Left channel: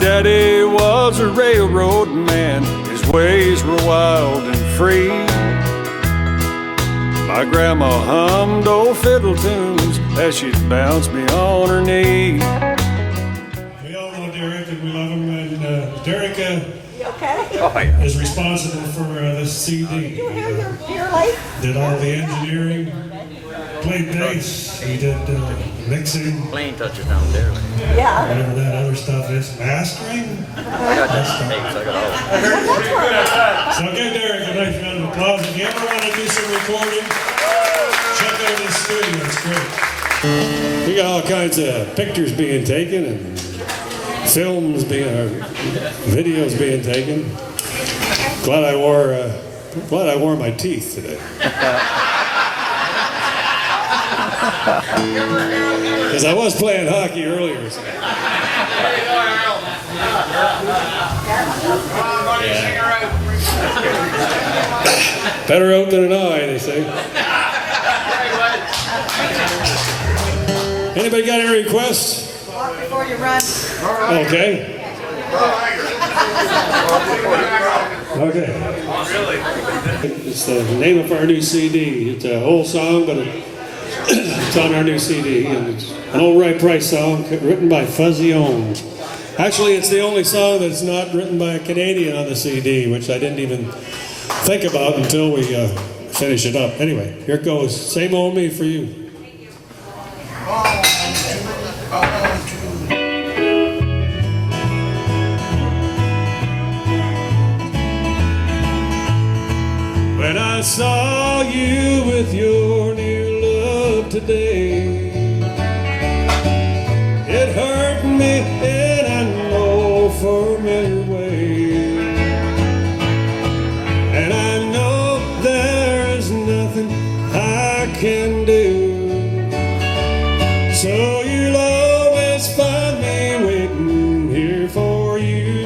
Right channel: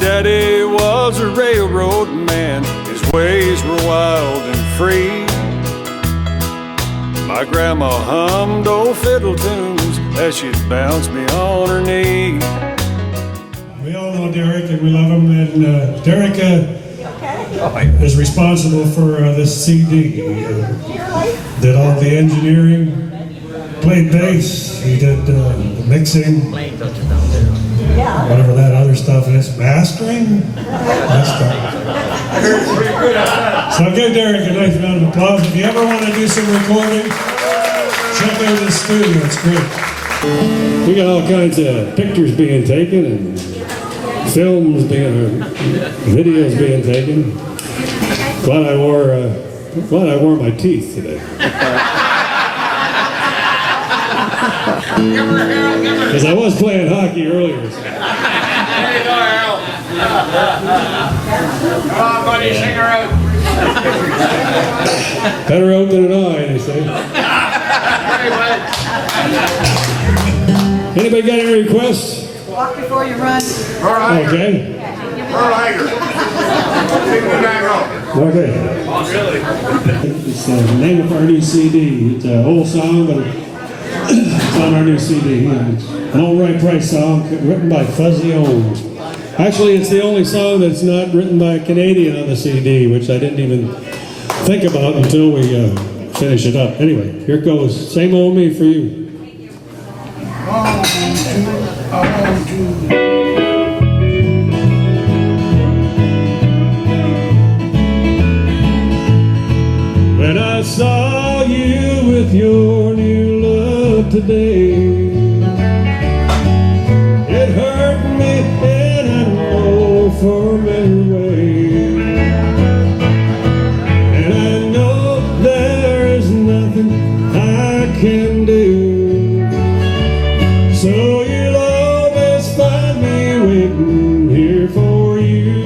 daddy was a railroad man, his ways were wild and free. My grandma hummed old fiddle tunes as she'd bounce me on her knee. We all know Derek and we love him, and Derek is responsible for this CD. He did all the engineering, played bass, he did the mixing, whatever that other stuff is, mastering. So give Derek a nice round of applause. If you ever want to do some recording, check out his studio, it's great. We got all kinds of pictures being taken and videos being taken. Glad I wore my teeth today. Because I was playing hockey earlier. So. Better out than an eye, they say. Anybody got any requests? Walk before you run. Okay. Okay. It's the name of our new CD. It's an old song, but it's on our new CD. It's an old right price song written by Fuzzy Owens. Actually, it's the only song that's not written by a Canadian on the CD, which I didn't even think about until we finish it up. Anyway, here it goes. Same old me for you. When I saw you with your new love today, it hurt me and I know for many ways. And I know there is nothing I can do. So you'll always find me waiting here for you,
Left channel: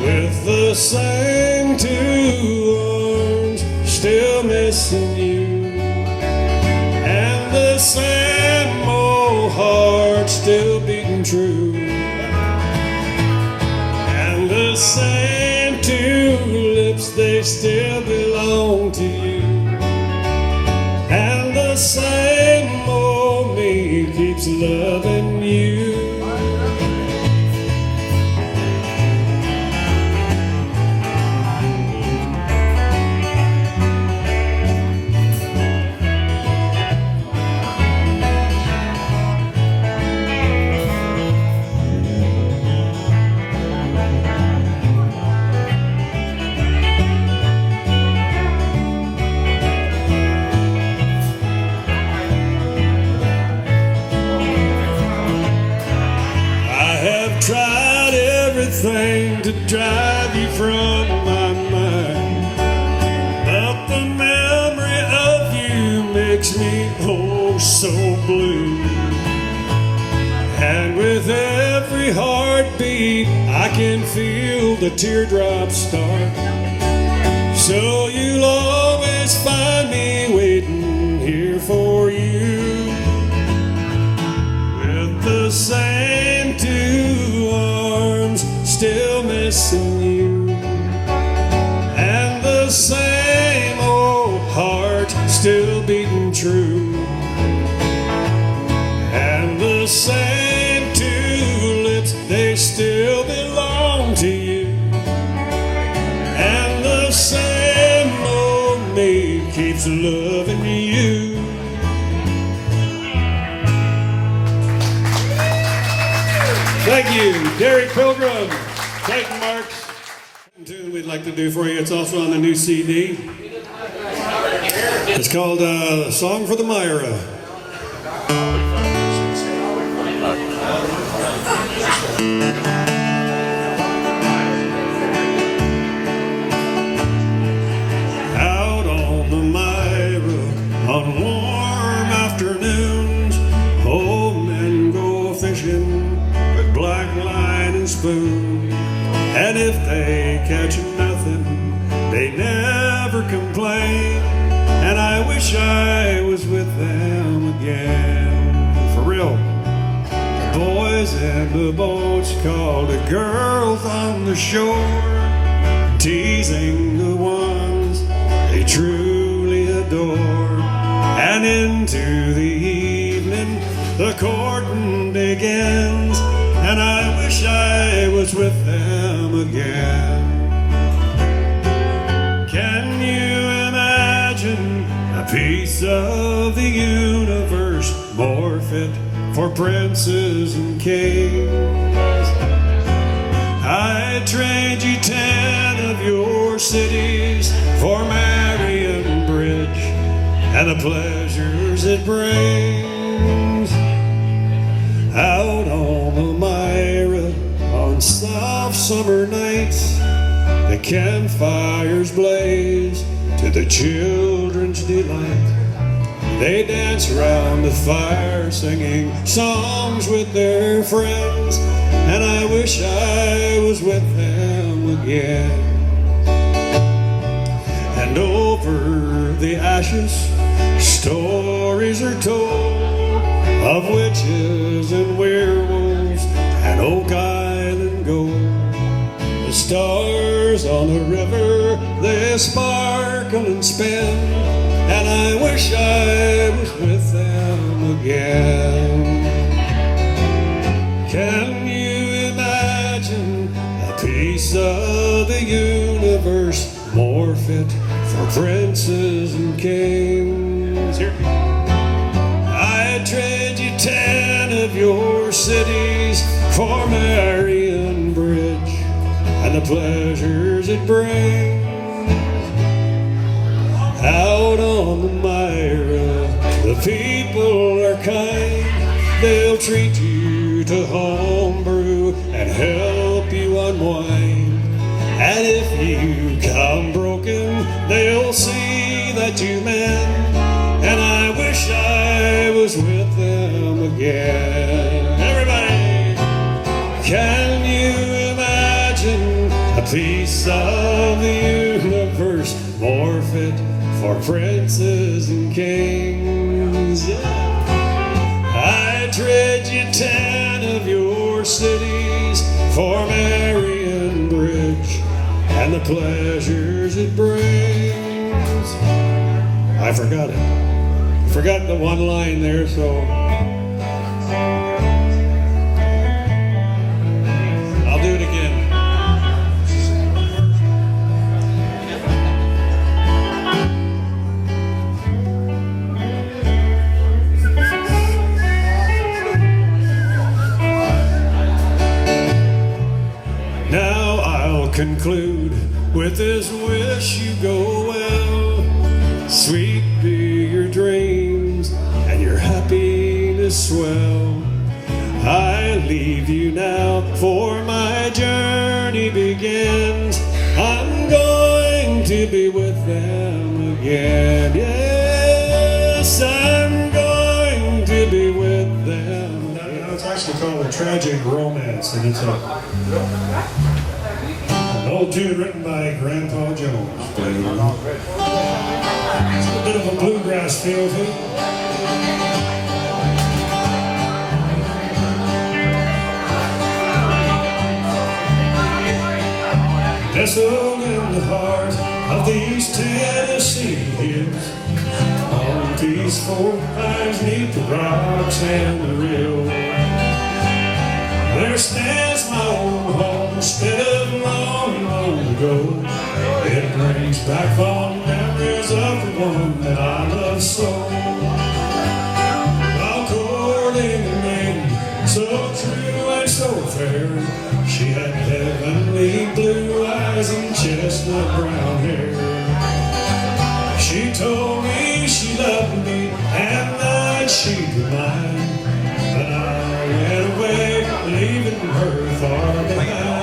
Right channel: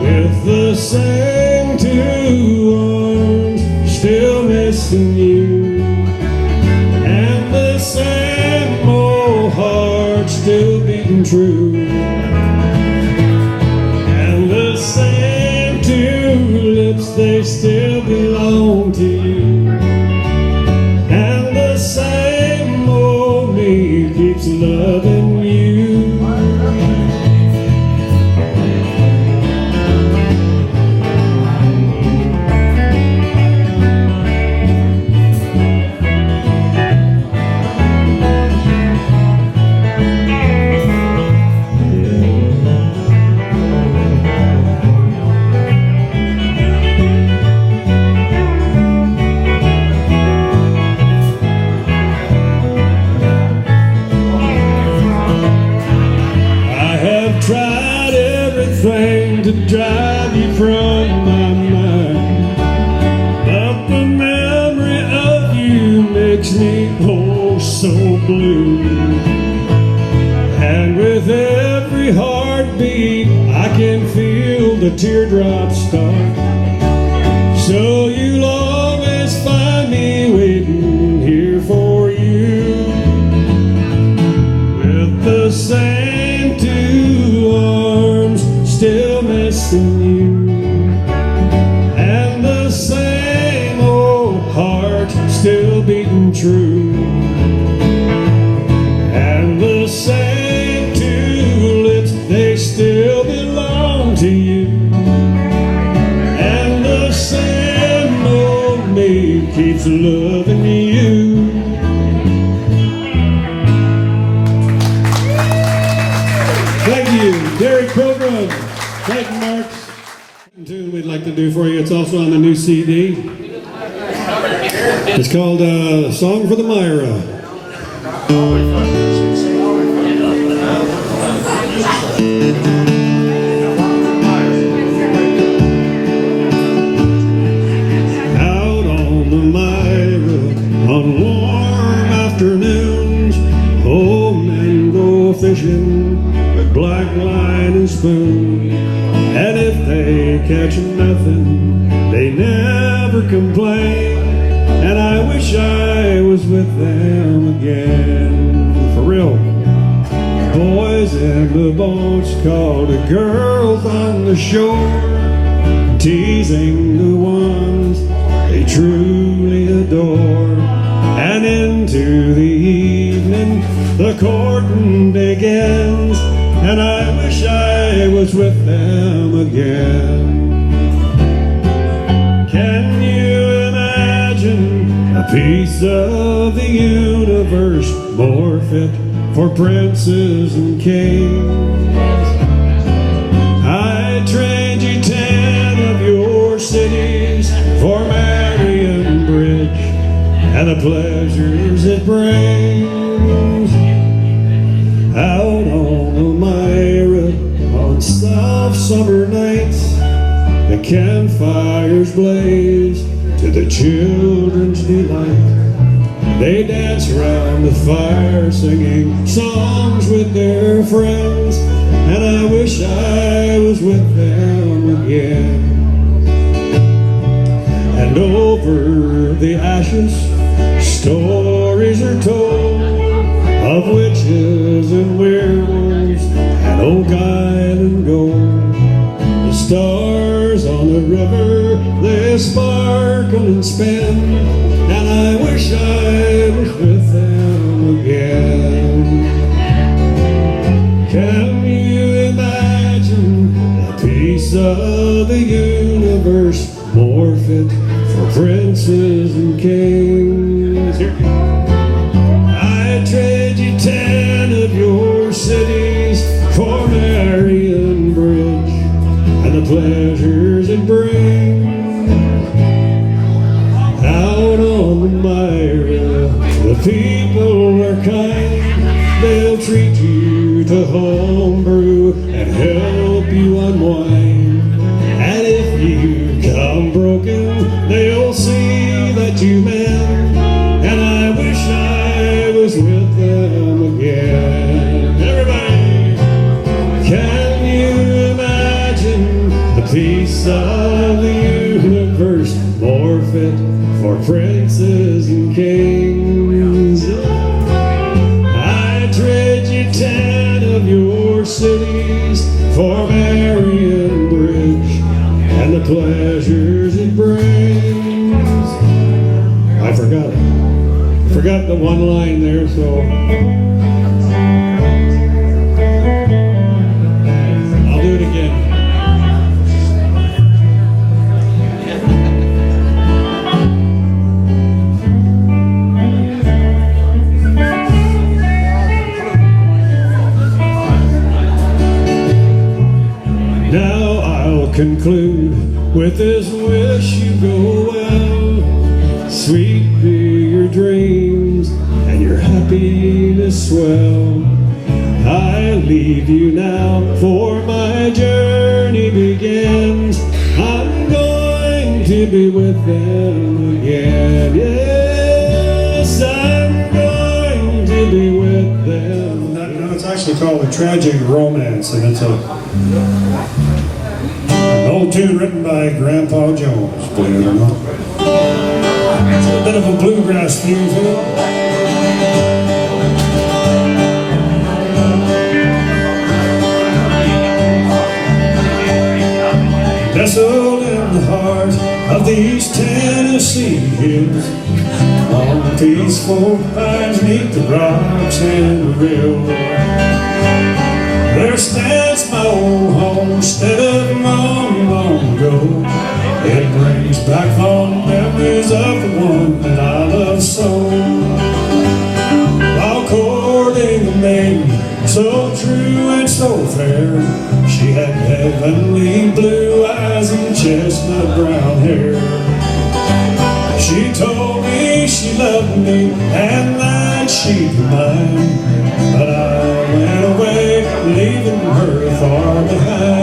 with the same two arms still missing you, and the same old heart still beating true, and the same two lips, they still belong to you, and the same old me keeps loving you. Tried everything to drive you from my mind, but the memory of you makes me oh so blue. And with every heartbeat I can feel the teardrops start. So you'll always find me waiting here for you, with the same two arms still missing you, and the same old heart still beating true, and the same two lips, they still belong to you, and the same old me keeps loving you. Thank you, Mark. Tune we'd like to do for you. It's also on the new CD. It's called Song for the Myra. Out on the Myra on warm afternoons, old men go fishing with black line and spoon. And if they catch nothing, they never complain. And I wish I was with them again. For real. Boys in the boats called the girls on the shore, teasing the ones they truly adore. And into the evening the courting begins, and I wish I was with them again. Can you imagine a piece of the universe more fit for princes and kings? I'd trade you 10 of your cities for Marion Bridge and the pleasures it brings. Out on the Myra on soft summer nights, the campfires blaze to the children's delight. They dance round the fire singing songs with their friends, and I wish I was with them again. And over the ashes stories are told of witches and werewolves and oak island gold. The stars on the river, they sparkle and spin, and I wish I was with them again. Can you imagine a piece of the universe more fit for princes and kings? I'd trade you 10 of your cities for Marion Bridge and the pleasures it brings. Out on the Myra, the people are kind. They'll treat you to homebrew and help you unwind. And if you come broken, they'll see that you mend. And I wish I was with them again. Everybody, can you imagine a piece of the universe more fit for princes and kings? I trade you 10 of your cities for Marion Bridge and the pleasures it brings. I forgot it. Forgot the one line there, so I'll do it again. Now I'll conclude with this wish you go well. Sweet be your dreams and your happiness swell. I leave you now, for my journey begins. I'm going to be with them again. Yes, I'm going to be with them. Now it's actually called a tragic romance, and it's an old tune written by Grandpa Jones, believe it or not. It's a bit of a bluegrass feel to it. Nestled in the heart of the East Tennessee hills, on the peaceful pines neath the rocks and the rill, there stands my old homestead of long, long ago. It brings back fond memories of the one that I love so. While courting a maiden so true and so fair, she had heavenly blue eyes and chestnut brown hair. She told me she loved me and that she'd be mine, but I went away, leaving her far behind.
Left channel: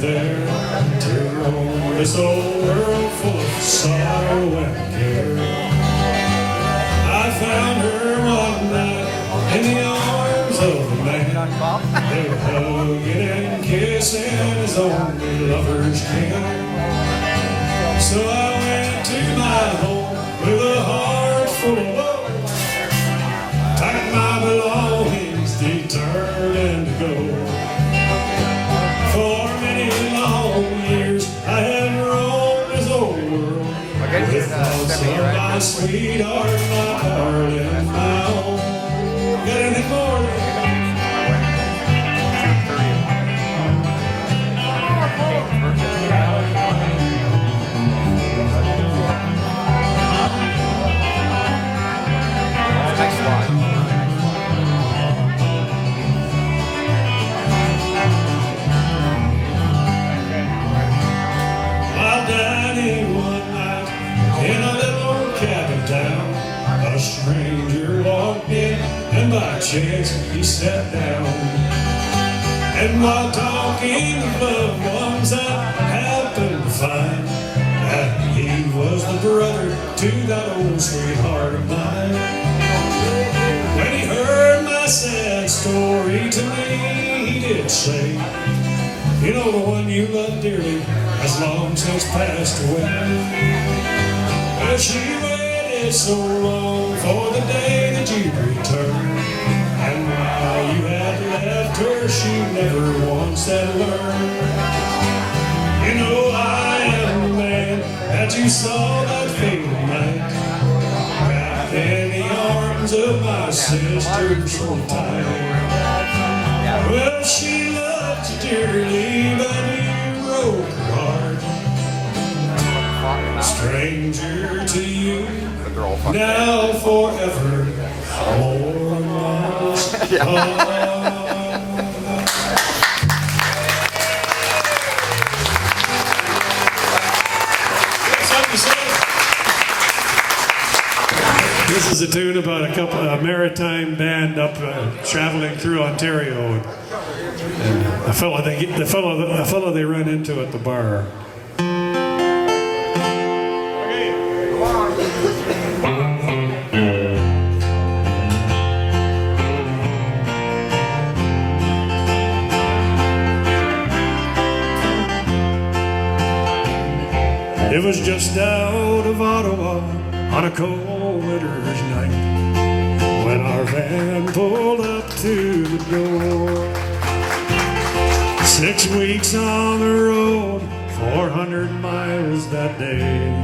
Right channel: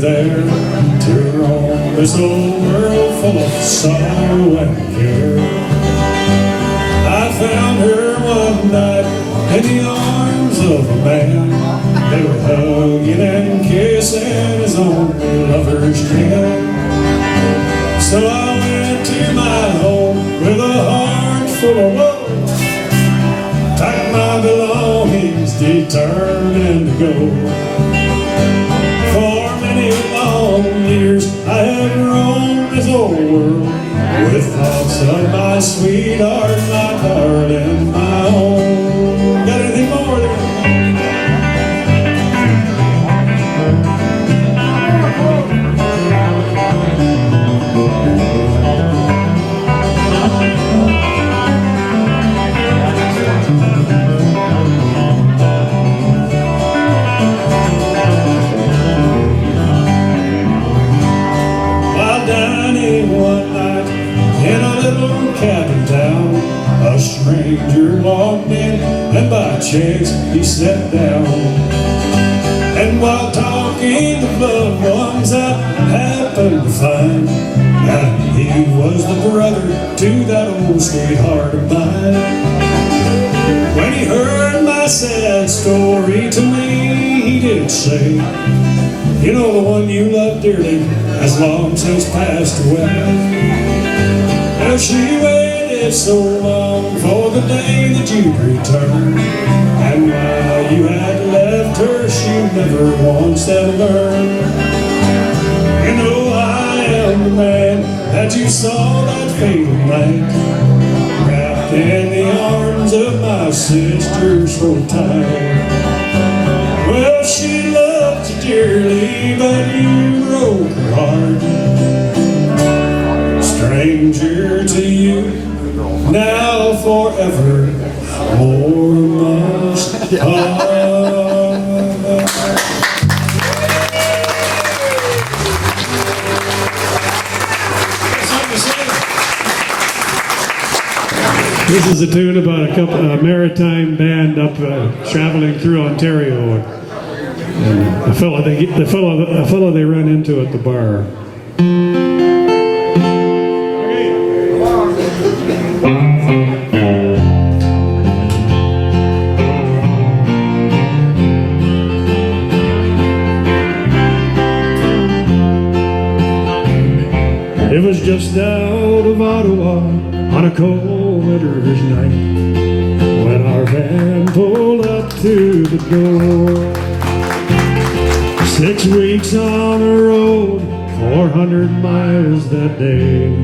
there to roam this old world full of sorrow and care. I found her one night in the arms of a man. They were hugging and kissing as only lovers can. So I went to my home with a heart full of woe, packed my belongings, determined to go. For many long years I have roamed this old world with thoughts of my sweetheart, my darling, my own. Got anything more there? A stranger walked in, and by chance he sat down. And while talking of loved ones, I happened to find that he was the brother to that old sweetheart of mine. When he heard my sad story to me, he did say, you know, the one you loved dearly has long since passed away. Well, she waited so long for the day that you'd return, and while you had left her, she never once had learned. You know I am the man that you saw that fatal night, wrapped in the arms of my sister so tight. Well, she loved you dearly, but you broke her heart. Stranger to you, now forever more must come. This is a tune about a Maritime band up traveling through Ontario. And a fellow they ran into at the bar. It was just out of Ottawa on a cold winter's night when our van pulled up to the door. 6 weeks on the road, 400 miles that day.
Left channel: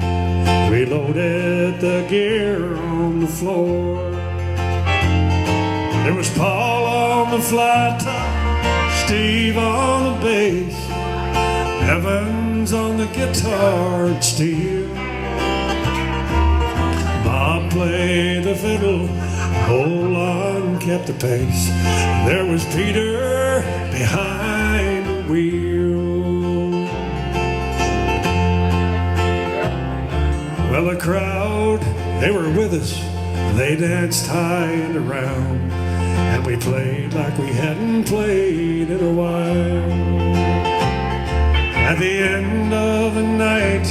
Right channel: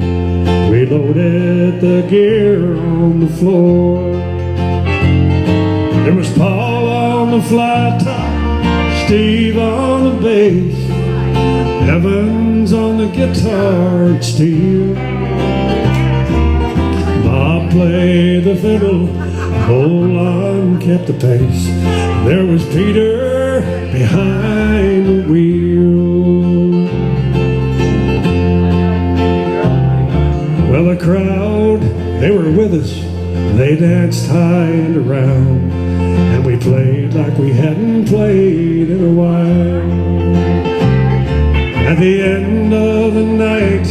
We loaded the gear on the floor. There was Paul on the flat top, Steve on the bass, Evans on the guitar and steel. Bob played the fiddle, Roland kept the pace. There was Peter behind the wheel. Well, the crowd, they were with us. They danced high and around, and we played like we hadn't played in a while. At the end of the night,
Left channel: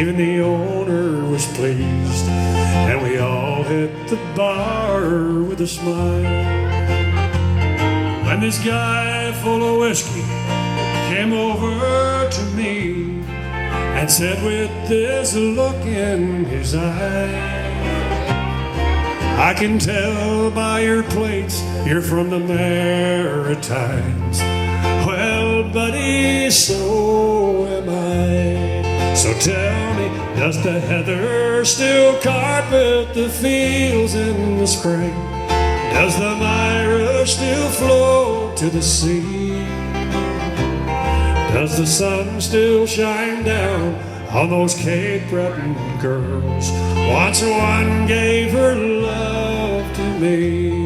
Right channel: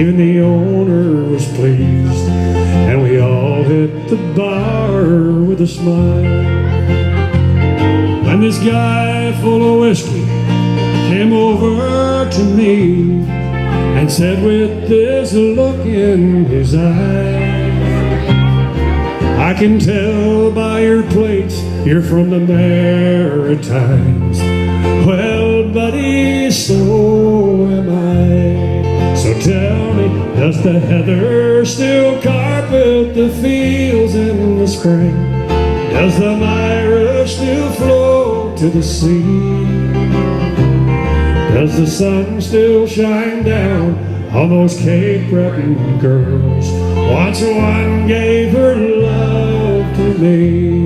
even the owner was pleased, and we all hit the bar with a smile. And this guy full of whiskey came over to me and said with this look in his eye, I can tell by your plates you're from the Maritimes. Well, buddy, so am I. So tell me, does the heather still carpet the fields in the spring? Does the Myra still flow to the sea? Does the sun still shine down on those Cape Breton girls? Once one gave her love to me.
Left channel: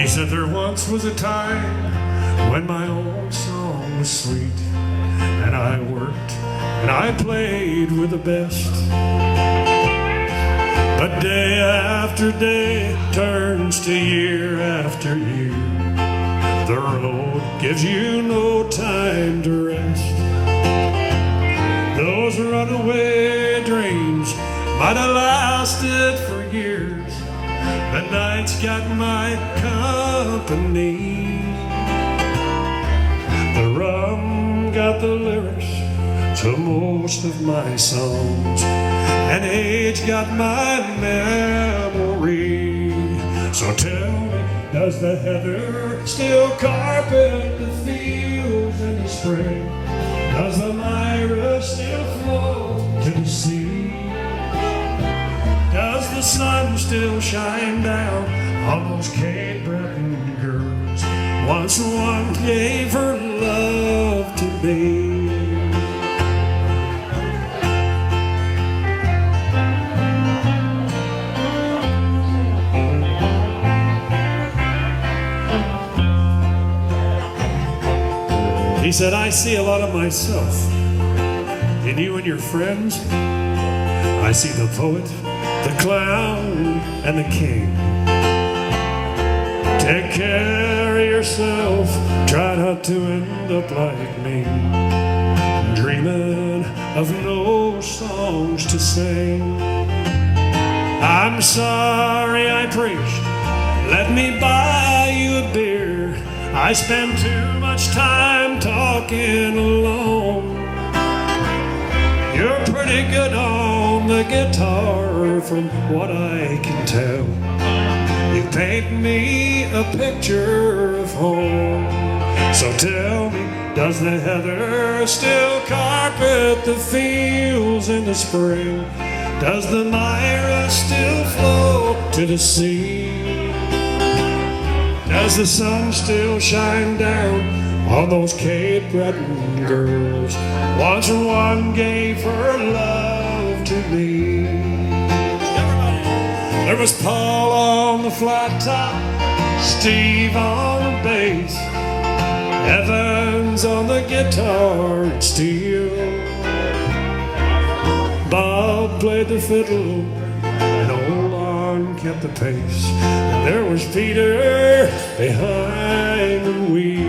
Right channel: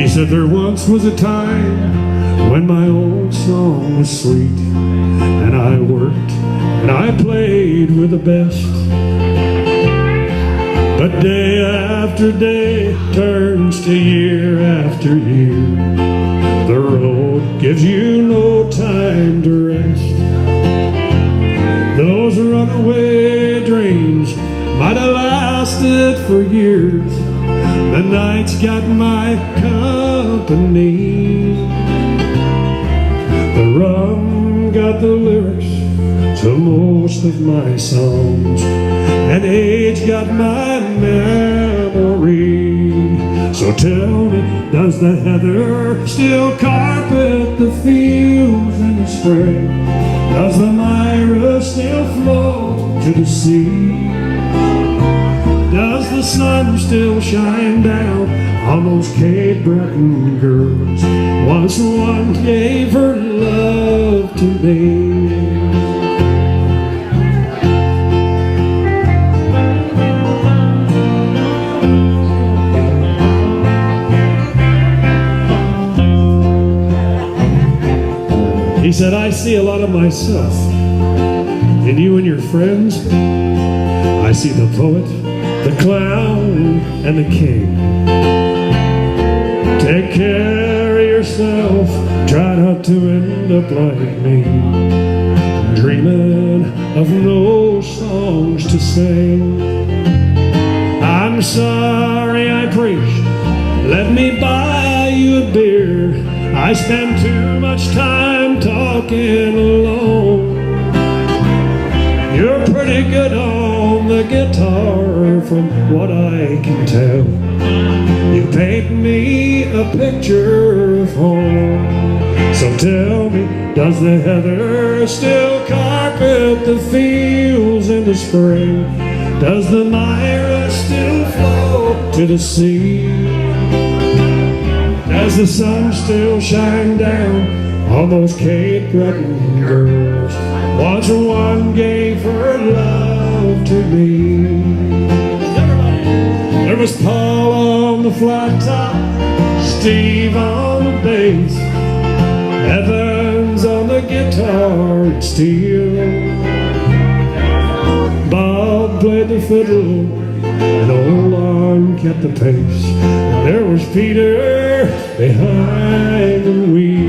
He said there once was a time when my old song was sweet, and I worked and I played with the best. But day after day turns to year after year. The road gives you no time to rest. Those runaway dreams might have lasted for years. The night's got my company. The rum got the lyrics to most of my songs, and age got my memory. So tell me, does the heather still carpet the fields in the spring? Does the Myra still flow to the sea? Does the sun still shine down on those Cape Breton girls? Once one gave her love to me. He said, I see a lot of myself in you and your friends. I see the poet, the clown, and the king. Take care of yourself, try not to end up like me, dreaming of no songs to sing. I'm sorry I preached, let me buy you a beer. I spend too much time talking alone. You're pretty good on the guitar from what I can tell. You paint me a picture of home. So tell me, does the heather still carpet the fields in the spring? Does the Myra still flow to the sea? Does the sun still shine down on those Cape Breton girls? Once one gave her love to me. There was Paul on the flat top, Steve on the bass, Evans on the guitar and steel. Bob played the fiddle, and old Lon kept the pace. And there was Peter behind the wheel.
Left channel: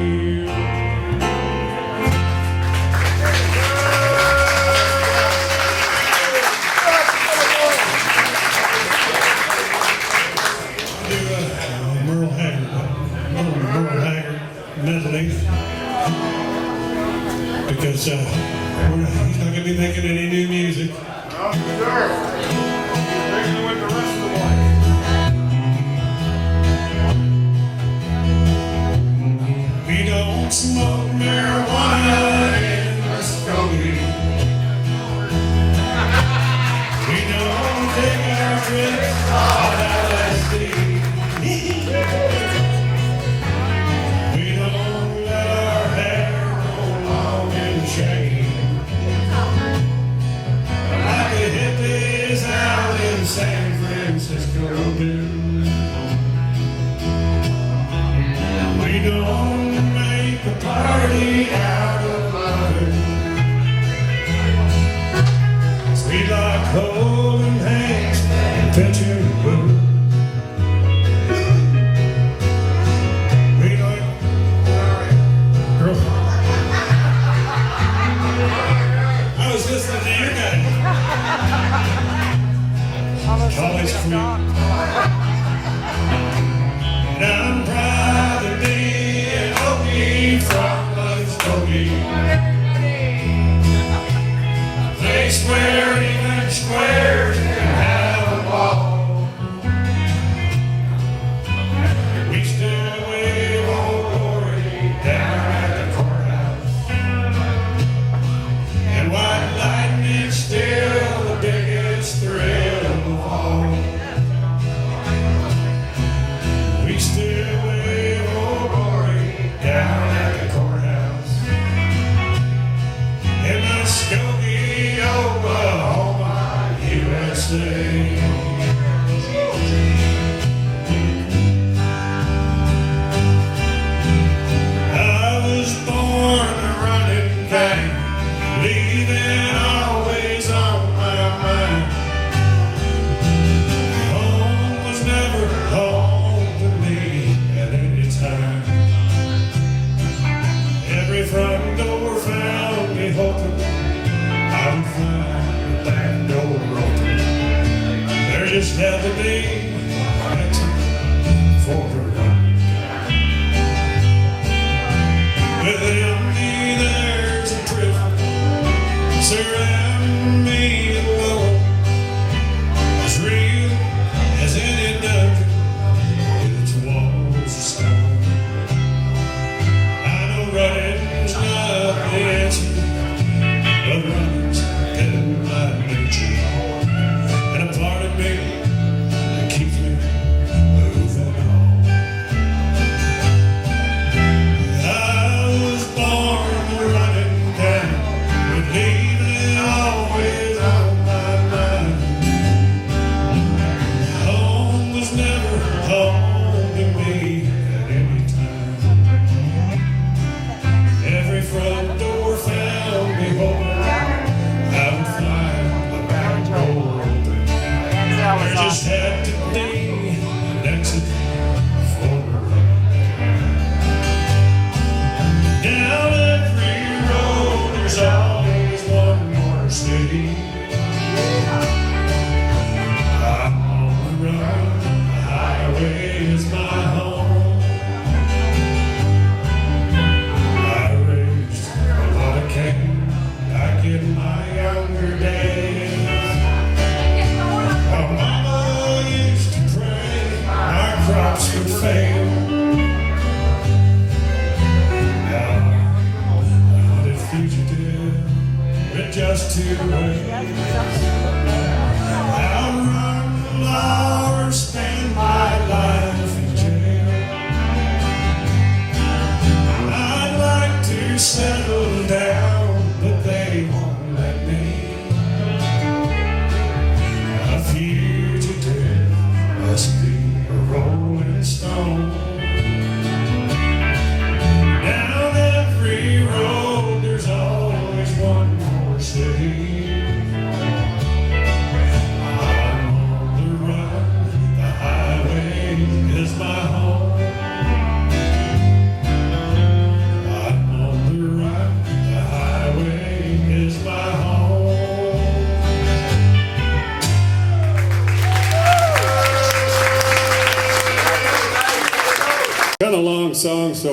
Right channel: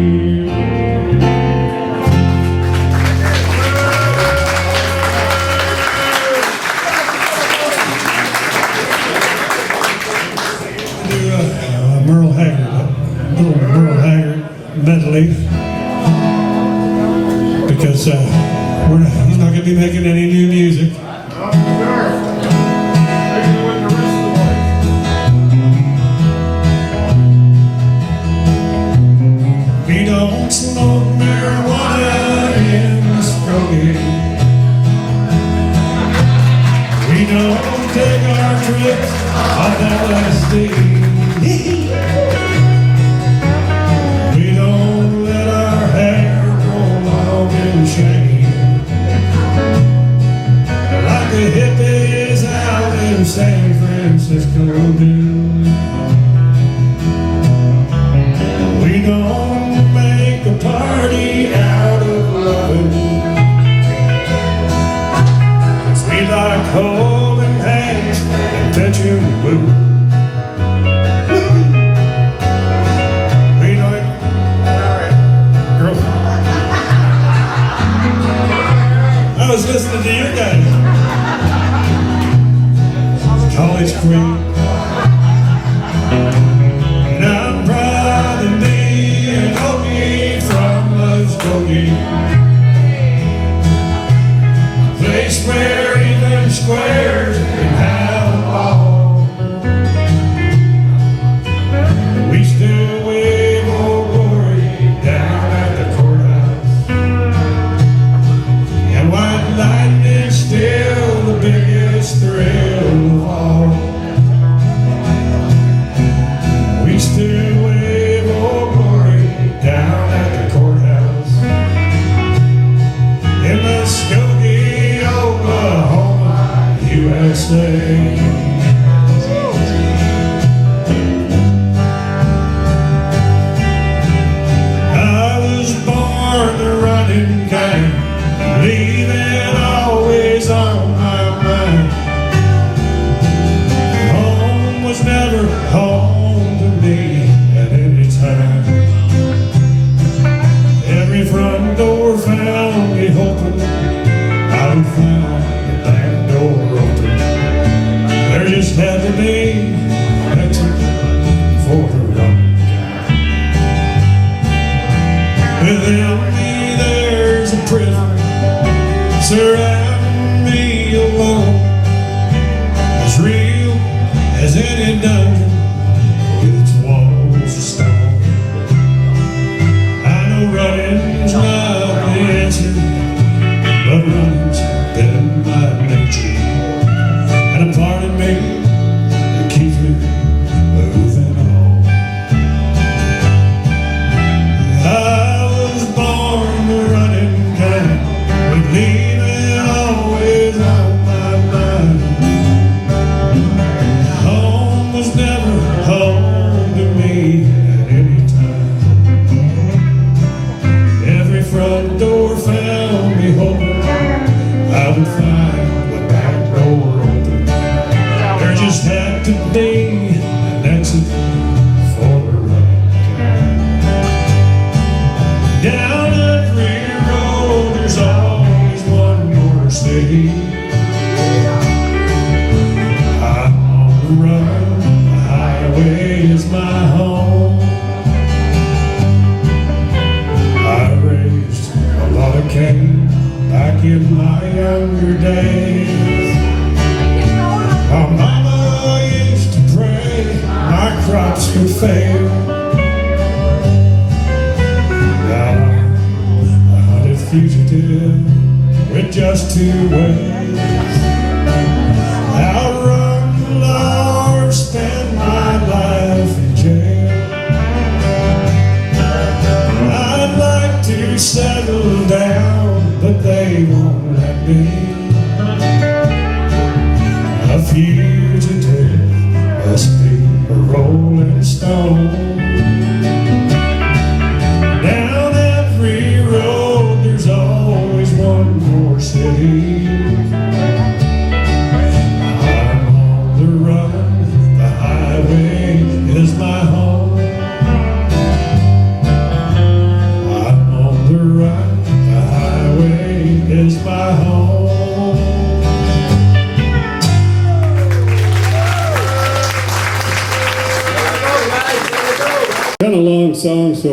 Merle Haggard, a little Merle Haggard medley, because he's not going to be making any new music. We don't smoke marijuana in Skokie. We don't take our trips off LSD. We don't let our hair grow long in shame, like the hippies out in San Francisco do. We don't make a party out of loving. We like holding hands and pitching blue. Listening to you guys. College queen. And I'm proud to be an Okie from Skokie. Place where even squares can have a ball. We still wave old glory down at the courthouse. And white lightning's still the biggest thrill of all. on my mind. Home was never home to me at any time. Every front door found me hoping I would find the back door open. There just had to be an exit for the run. Within me there's a prison surrounding me alone, as real as any dungeon with its walls of stone. I know running's not the answer, but running's been my nature, and a part of me that keeps me moving on. I was born a running kind, with leaving always on my mind. Home was never home to me at any time. Every front door found me hoping I would find the back door open. There just had to be an exit for the run. Down every road there's always one more city. I'm on the run, the highway is my home. I raised a lot of cane back in my younger days. My mama used to pray my crops would fail. Now I'm a hunted fugitive with just two ways: outrun the law or spend my life in jail. I'd like to settle down, but they won't let me. A fugitive must be a rolling stone. Down every road there's always one more city. I'm on the run, the highway is my home. I'm on the run, the highway is my home. Kind of long song, so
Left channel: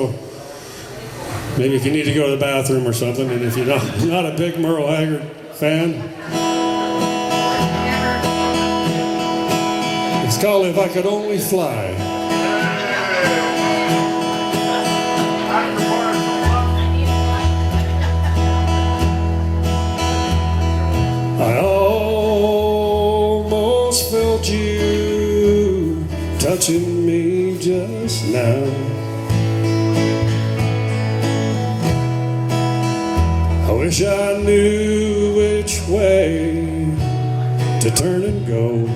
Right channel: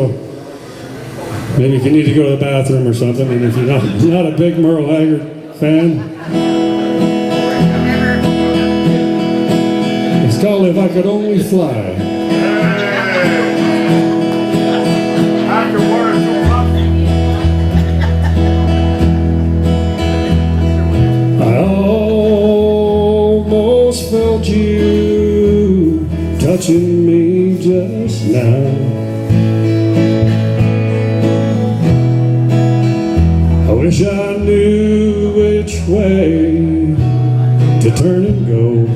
maybe if you need to go to the bathroom or something, and if you're not a big Merle Haggard fan, it's called If I Could Only Fly. I almost felt you touching me just now. I wish I knew which way to turn and go.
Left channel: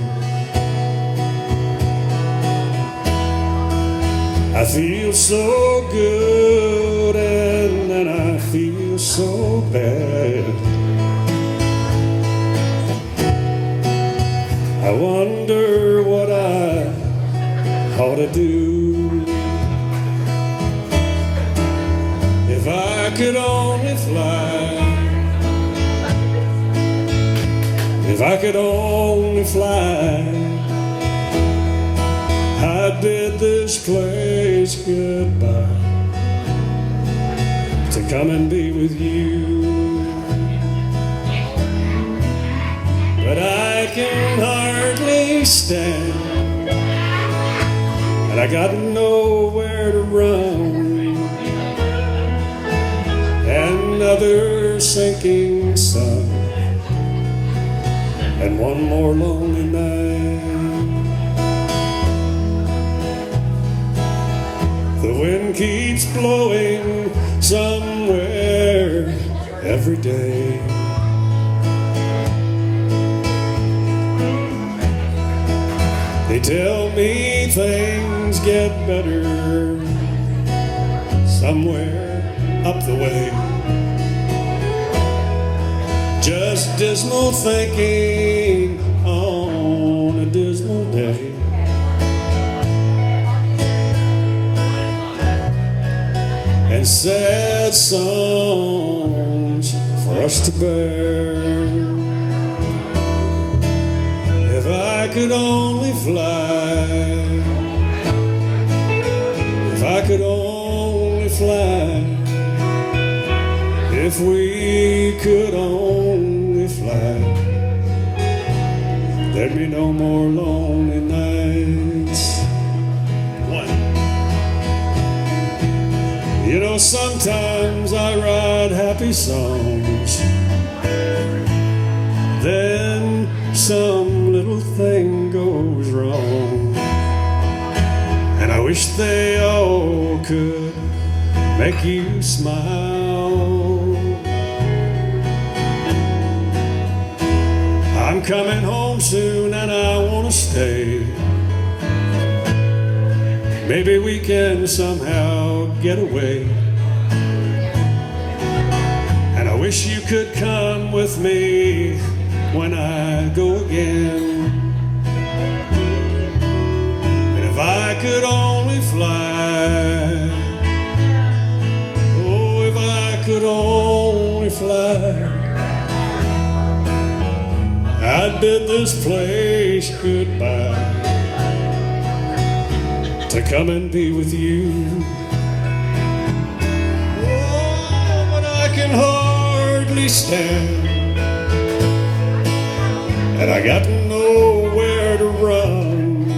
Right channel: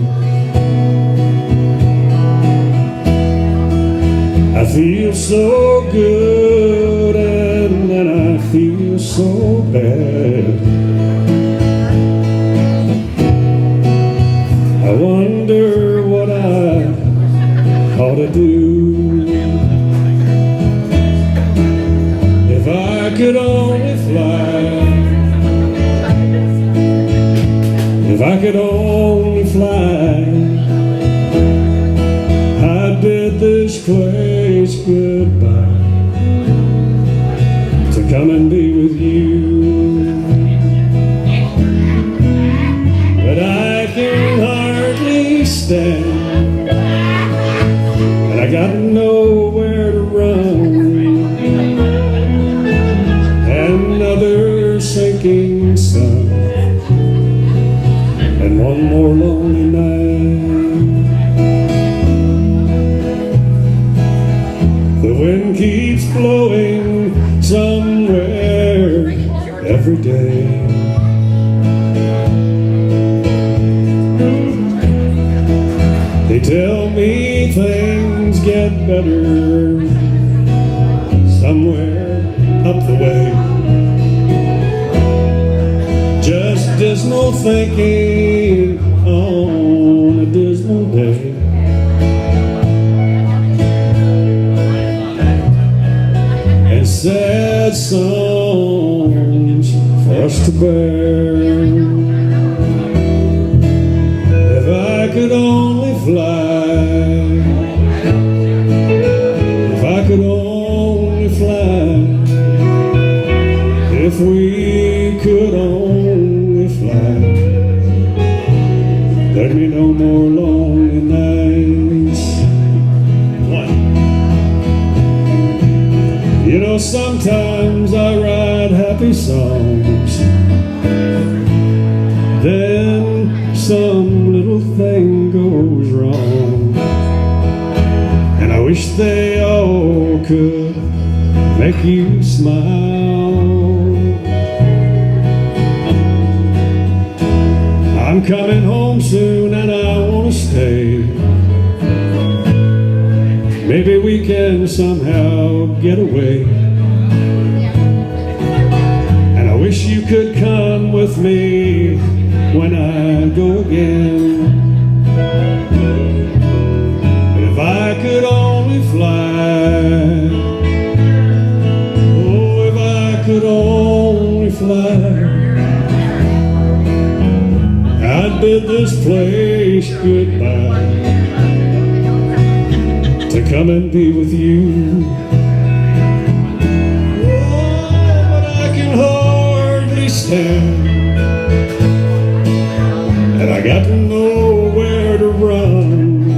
I feel so good and then I feel so bad. I wonder what I ought to do. If I could only fly, if I could only fly, I'd bid this place goodbye to come and be with you. But I can hardly stand, and I got nowhere to run. Another sinking sun, and one more lonely night. The wind keeps blowing somewhere every day. They tell me things get better somewhere up the way. Just as wishful thinking on a dismal day. And sad songs for us to bear. If I could only fly, if I could only fly, if we could only fly, there'd be no more lonely nights. You know, sometimes I write happy songs, then some little thing goes wrong, and I wish they all could make you smile. I'm coming home soon and I wanna stay. Maybe we can somehow get away. And I wish you could come with me when I go again. And if I could only fly, oh, if I could only fly, I'd bid this place goodbye to come and be with you. Oh, but I can hardly stand, and I got nowhere to run.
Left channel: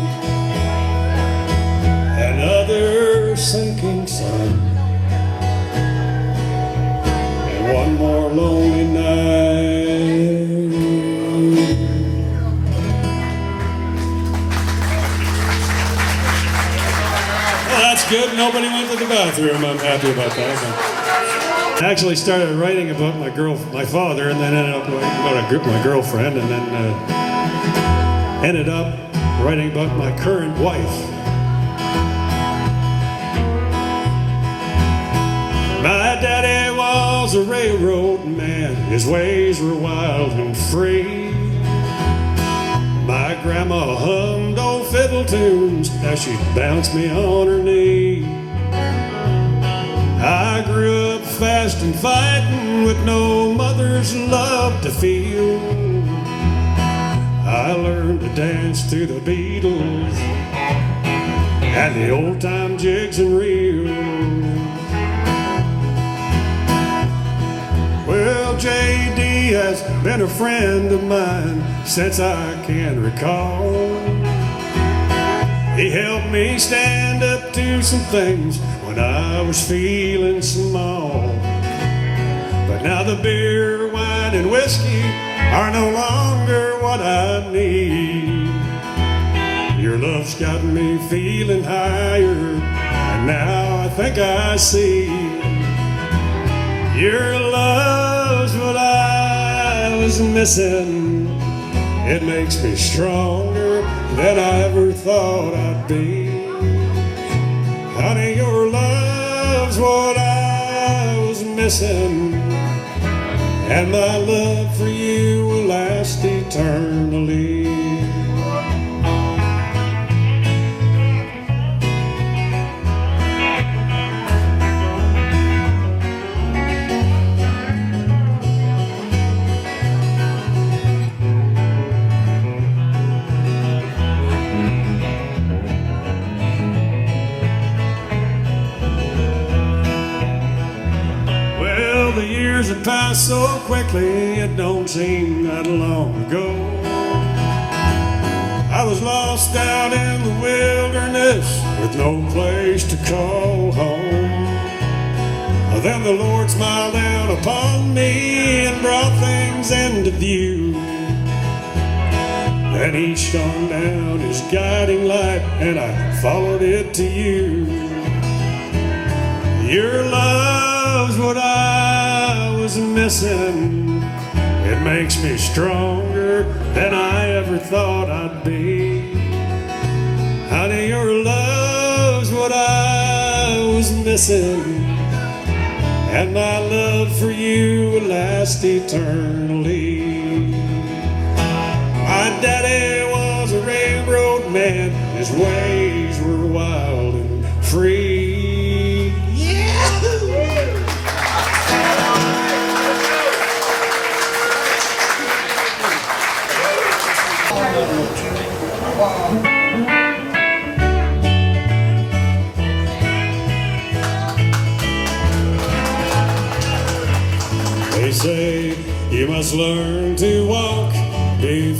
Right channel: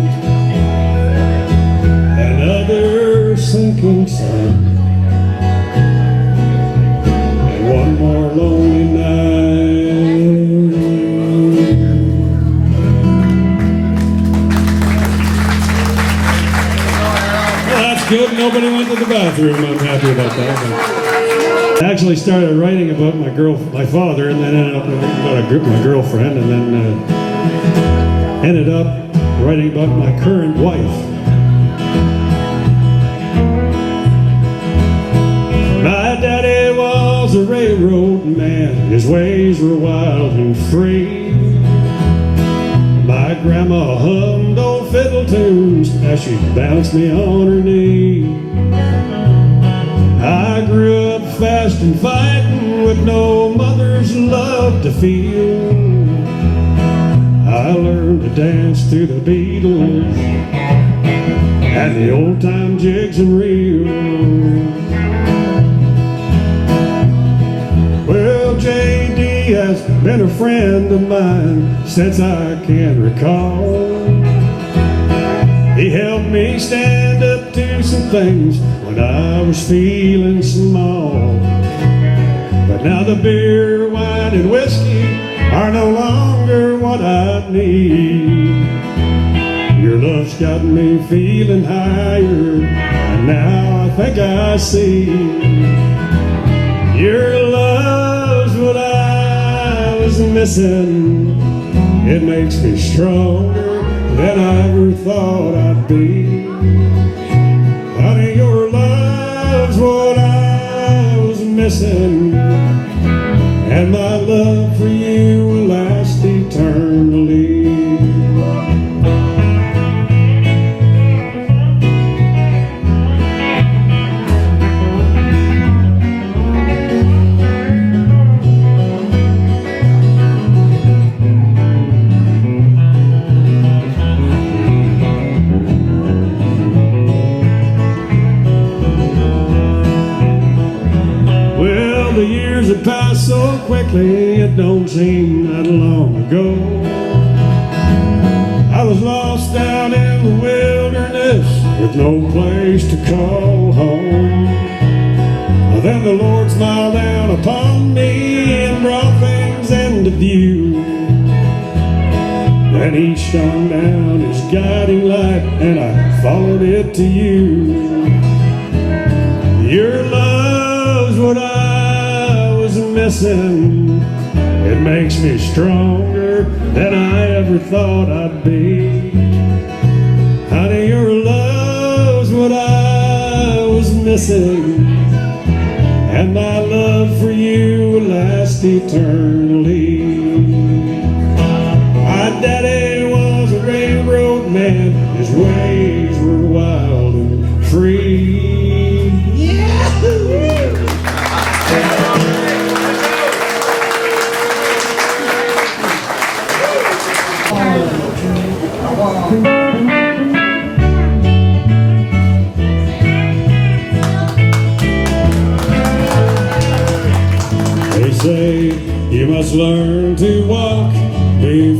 Another sinking sun, one more lonely night. Good, nobody went to the bathroom. I'm happy about that. I actually started writing about my father, and then ended up about my girlfriend, and then ended up writing about my current wife. My daddy was a railroad man. His ways were wild and free. My grandma hummed old fiddle tunes as she bounced me on her knee. I grew up fast and fighting with no mother's love to feel. I learned to dance to the Beatles and the old time jigs and reels. Well, J.D. has been a friend of mine since I can recall. He helped me stand up to some things when I was feeling small. But now the beer, wine, and whiskey are no longer what I need. Your love's got me feeling higher, and now I think I see. Your love's what I was missing. It makes me stronger than I ever thought I'd be. Honey, your love's what I was missing, and my love for you will last eternally. It passed so quickly, it don't seem that long ago. I was lost out in the wilderness with no place to call home. Well, then the Lord smiled down upon me and brought things into view. Then he shone down his guiding light, and I followed it to you. Your love's what I was missing. It makes me stronger than I ever thought I'd be. Honey, your love's what I was missing, and my love for you will last eternally.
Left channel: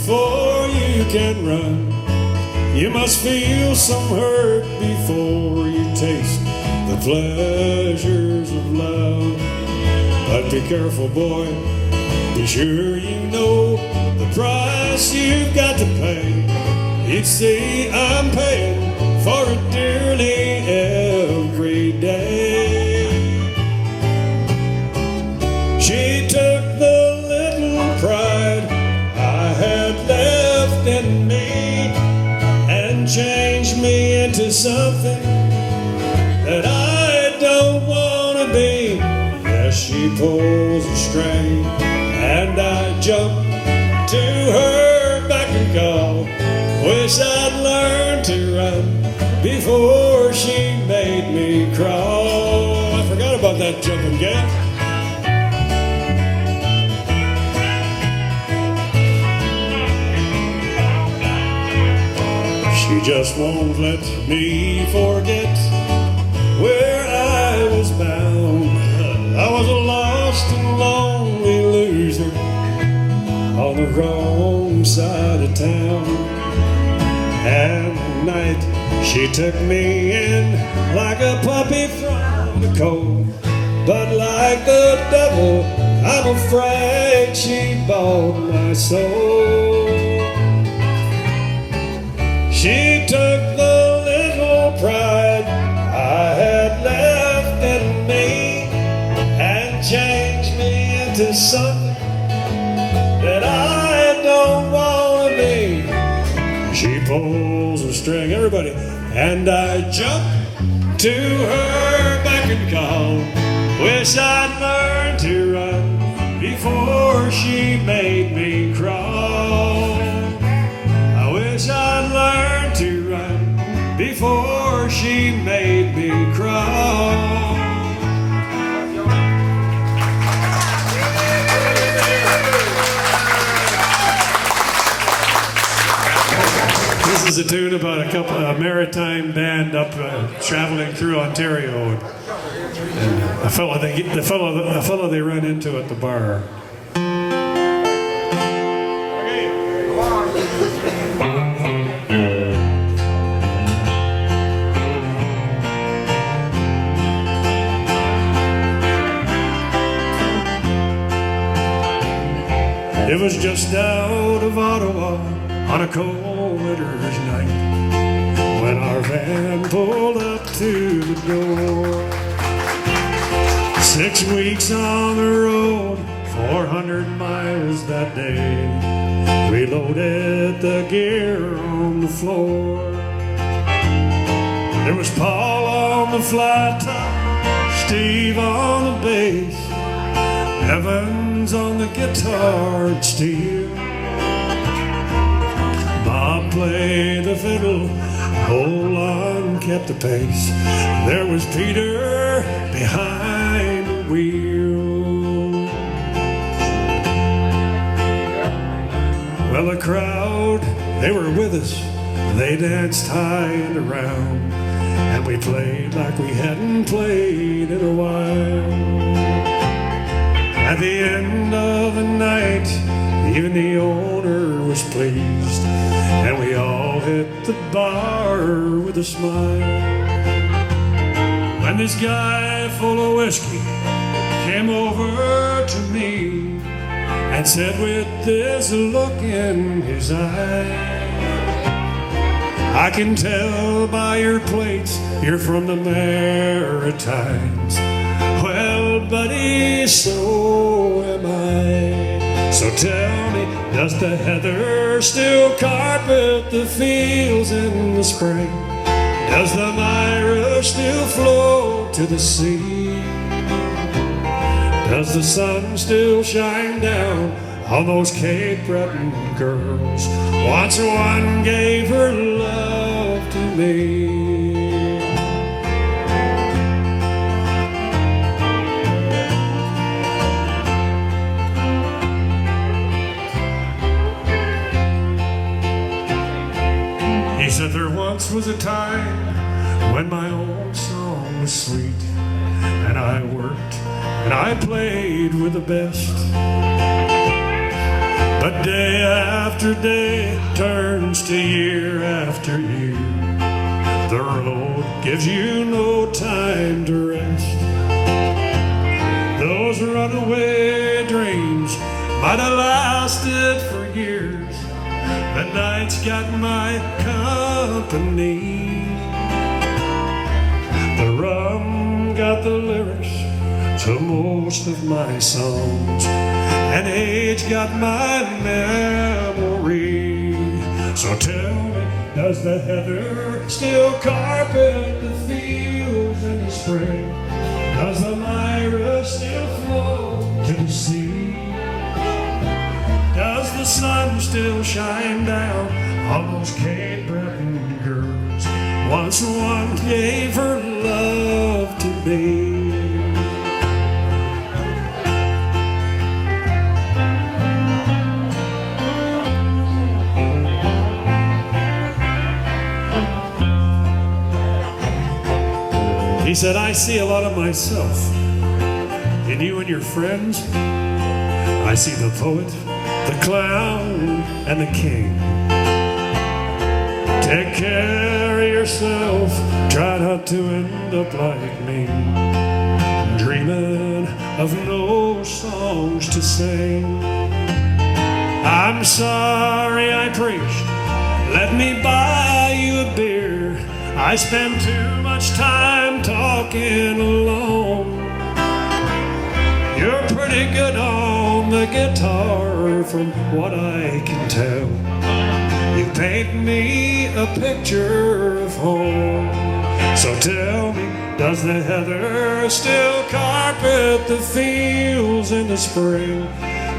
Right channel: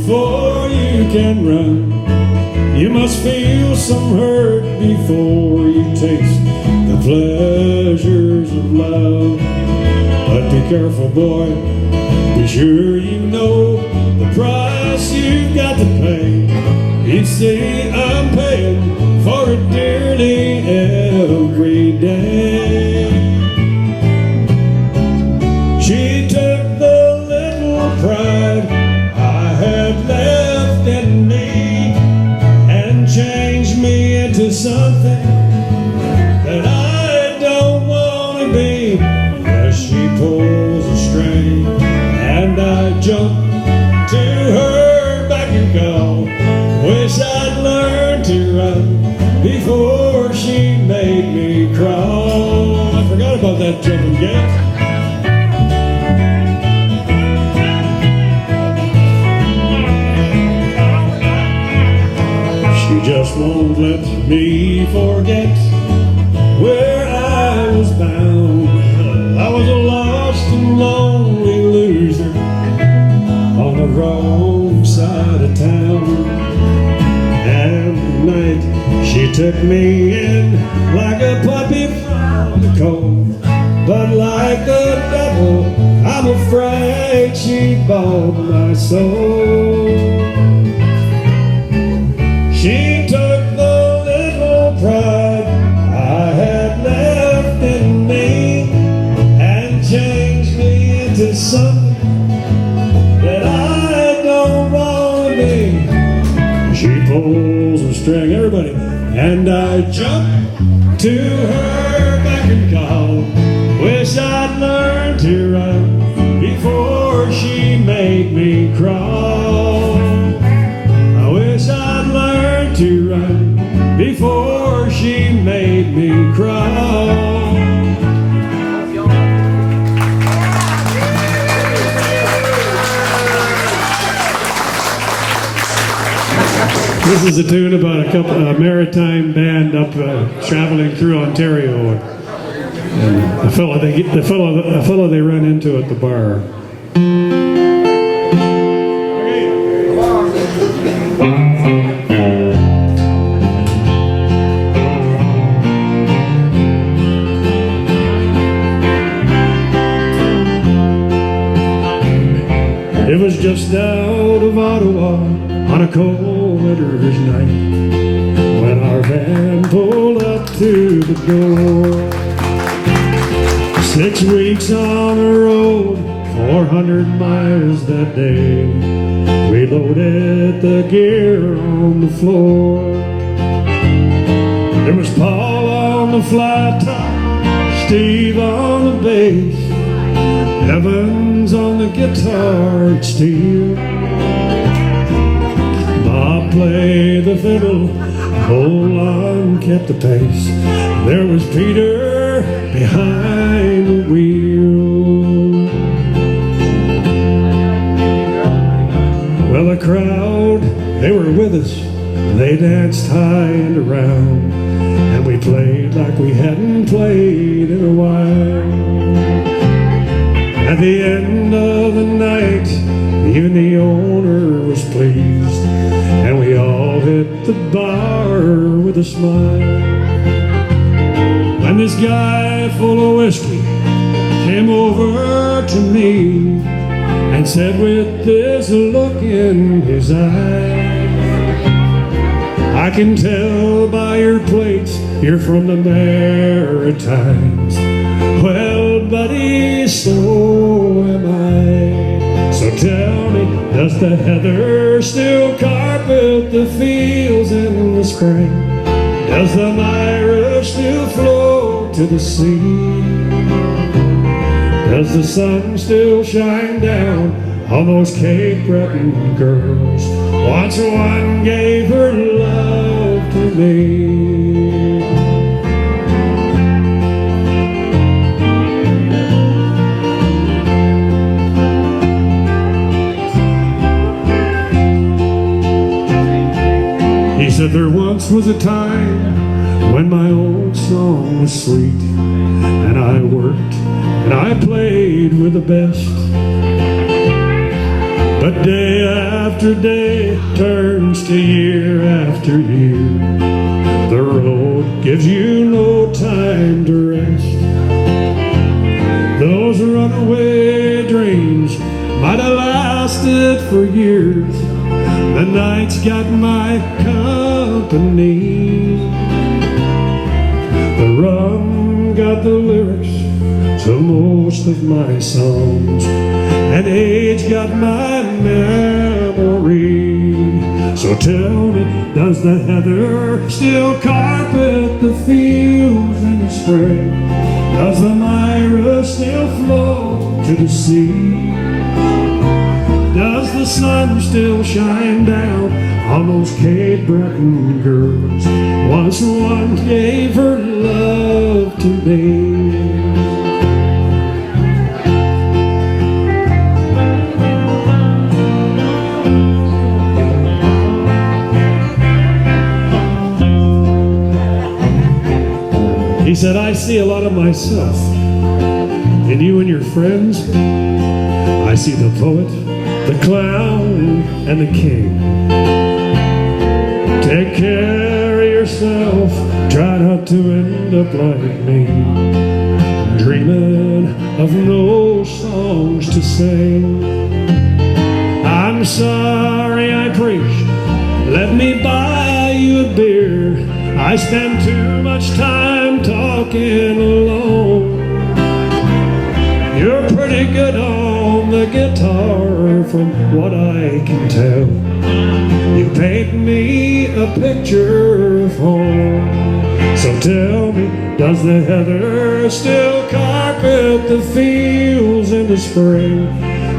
before you can run. You must feel some hurt before you taste the pleasures of love. But be careful, boy, be sure you know the price you've got to pay. Each day I'm paying for it dearly every day. She took the little pride I had left in me and changed me into something that I don't want to be. As she pulls a string and I jump to her back and call. Wish I'd learned to run before she made me crawl. I forgot about that jumping gal. She just won't let me forget where I was bound. I was a lost and lonely loser on the wrong side of town. And night she took me in like a puppy from the cold. But like the devil, I'm afraid she bought my soul. She took the little pride I had left in me and changed me into something that I don't want to be. She pulls a string, everybody, and I jump to her back and call. Wish I'd learned to run before she made me crawl. I wish I'd learned to run before she made me crawl. This is a tune about a Maritime band up traveling through Ontario. And a fellow they ran into at the bar. It was just out of Ottawa on a cold winter's night when our van pulled up to the door. 6 weeks on the road, 400 miles that day. We loaded the gear on the floor. There was Paul on the flat top, Steve on the bass, Evans on the guitar and steel. Bob played the fiddle, Roland kept the pace. There was Peter behind the wheel. Well, the crowd, they were with us. They danced high and around, and we played like we hadn't played in a while. At the end of the night, even the owner was pleased, and we all hit the bar with a smile. And this guy full of whiskey came over to me and said with this look in his eye, I can tell by your plates you're from the Maritimes. Well, buddy, so am I. So tell me, does the heather still carpet the fields in the spring? Does the Myra still flow to the sea? Does the sun still shine down on those Cape Breton girls? Once one gave her love to me. He said there once was a time when my old song was sweet, and I worked and I played with the best. But day after day turns to year after year. The road gives you no time to rest. Those runaway dreams might have lasted for years. The night's got my company. The rum got the lyrics to most of my songs, and age got my memory. So tell me, does the heather still carpet the fields in the spring? Does the Myra still flow to the sea? Does the sun still shine down on those Cape Breton girls? Once one gave her love to me. He said, I see a lot of myself in you and your friends. I see the poet, the clown, and the king. Take care of yourself, try not to end up like me, dreaming of no songs to sing. I'm sorry I preached, let me buy you a beer. I spend too much time talking alone. You're pretty good on the guitar from what I can tell. You paint me a picture of home. So tell me, does the heather still carpet the fields in the spring?